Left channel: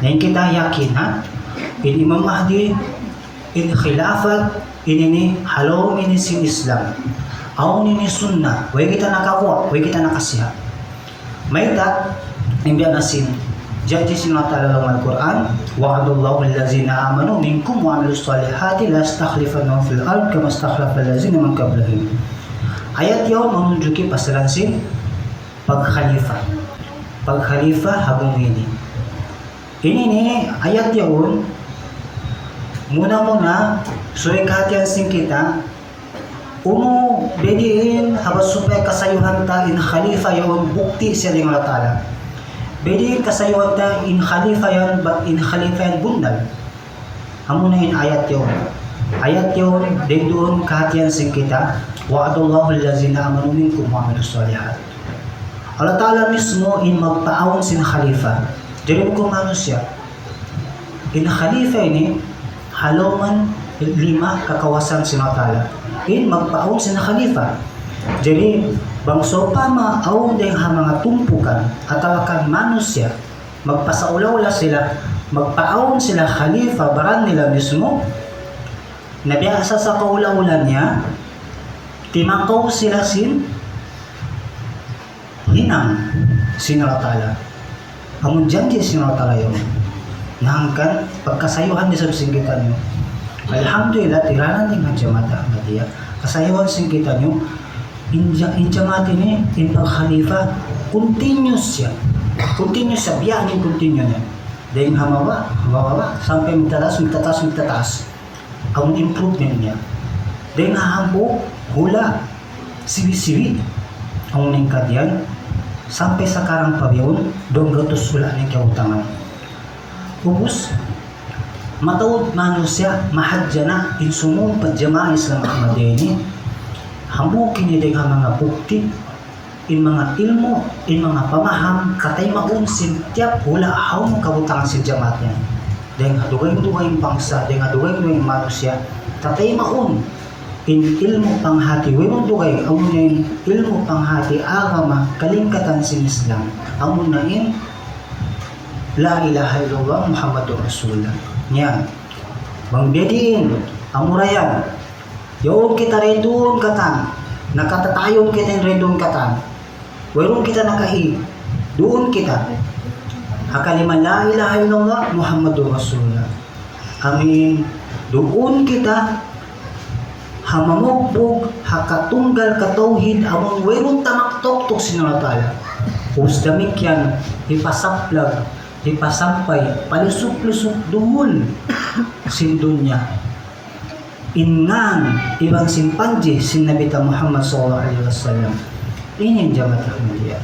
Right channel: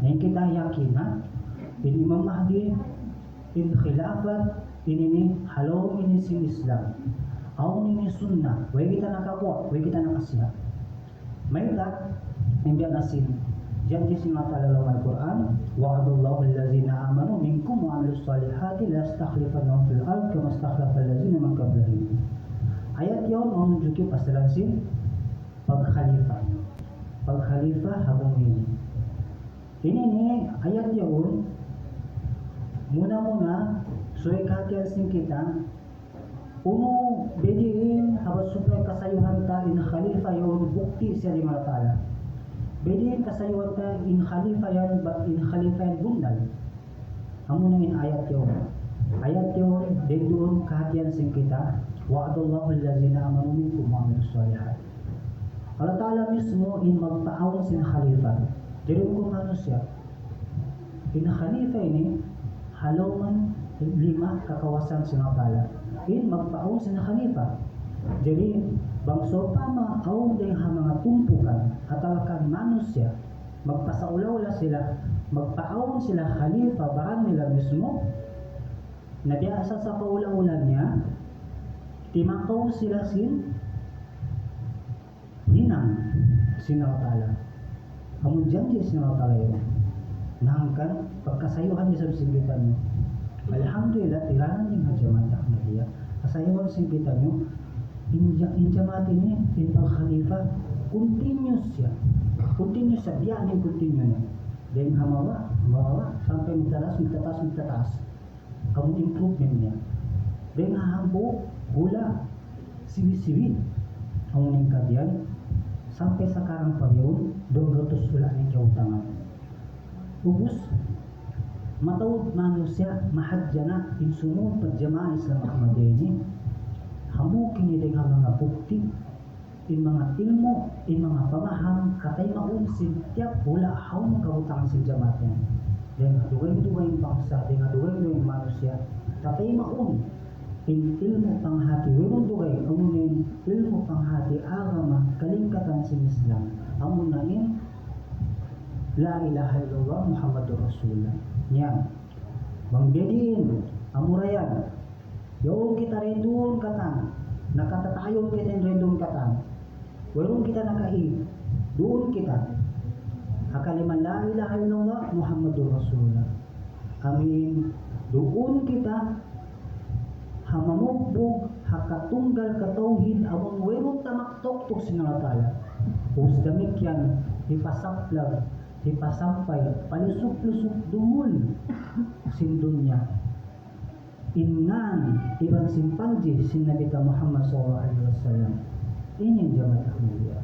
Ngayon kita yakin ha, in Imam Mahdi, in khilafat, ini halom ini sin Islam. Aun ini sunnah, way kita nakakuha, way kita nakasiha. May ta, hindi nasin. Jadi sinata dalam Al-Quran, wa'adallahu allazina amanu minkum wa amilus salihati la stakhlifannahum fil ard kama stakhlafa allazina min qablihim. Ayat yun menunjuki pasalansin pag-khalifa. Pag-khalifa habang ini. Ini nih ayat yun muna sulit hatian sing kita uno bediin habas supaya kasayuhan ta in khalifa yun bukti siya ng Allah Ta'ala. Bediin kasayuhan ta in khalifa yan bundal. Amo na in ayat yun. Ayat yun din doon kahatian sing kita wa'adallahu allazina amanu minkum wa amilus salihat. Allah Ta'ala mismo in magpaawon sin khalifa. Jadi kung ano siya, in khalifa ini haloman 5 kakawasan sin Allah Ta'ala. In magpaawon sin khalifa. Jadi bangso pa maaawon din ha mga tumpukan at awakan manusia, magpasaulaw sila, magpaawon sila khalifa baran nila mismo. Nabiasa sa kaula-ulan niya, timakaw sila sin hinang sin Allah Ta'ala. Amun janji sin Allah Ta'ala yun. Nahangkan pagkasayuhan di sa singgitan nyo. Alhamdulillah, tiranan din ang jamata Ahmadiyya. Kasayuhan singgitan nyo, injamati ni, in pag-khalifa, continuous siya. Continuous siya, biyanin continue niya. Dahil hamawa, sampai magtataas. Ang improvement niya. Dahil hahambo, hula, siwi-siwi. Ang ningkadyan, sampai sa karang pabiyon, doon gatos wala ng kautangan. Ubus, matawad manusia, mahadya na, insumun pagjamaan Islam Ahmadiyya ini, hambukin niya din ang mga bukti, in mga ilmo, in mga pamaham, katay maunsin, tiap hula, haw mo kabutangan si jamaat niya. Dahil dugay yung bangsa, dahil dugay yung manusia, katay maun, in ilmu panghati, wala dugay, amun na in ilmu panghati, agama, kalingkatan sin Islam, amun na in La ilaha illallah Muhammadur Rasulullah. Yan. Bang bediin, amurayan. Yun kita rin doon katan. Nakatatayon kita rin doon katan. Wala kita nakahi. Doon kita. Hakalima la ilaha illallah Muhammadur Rasulullah. Amin. Doon kita hamamugbog, hakatunggal katauhid, among werong tamaktok-tok sinunatala. Usdamik yan, ipasaplag, ipasampay, palusok-lusok duhul sindun niya. Ingan, ibang simpanji, sin Nabi Muhammad SAW. Ini yang jamaah Ahmadiyya.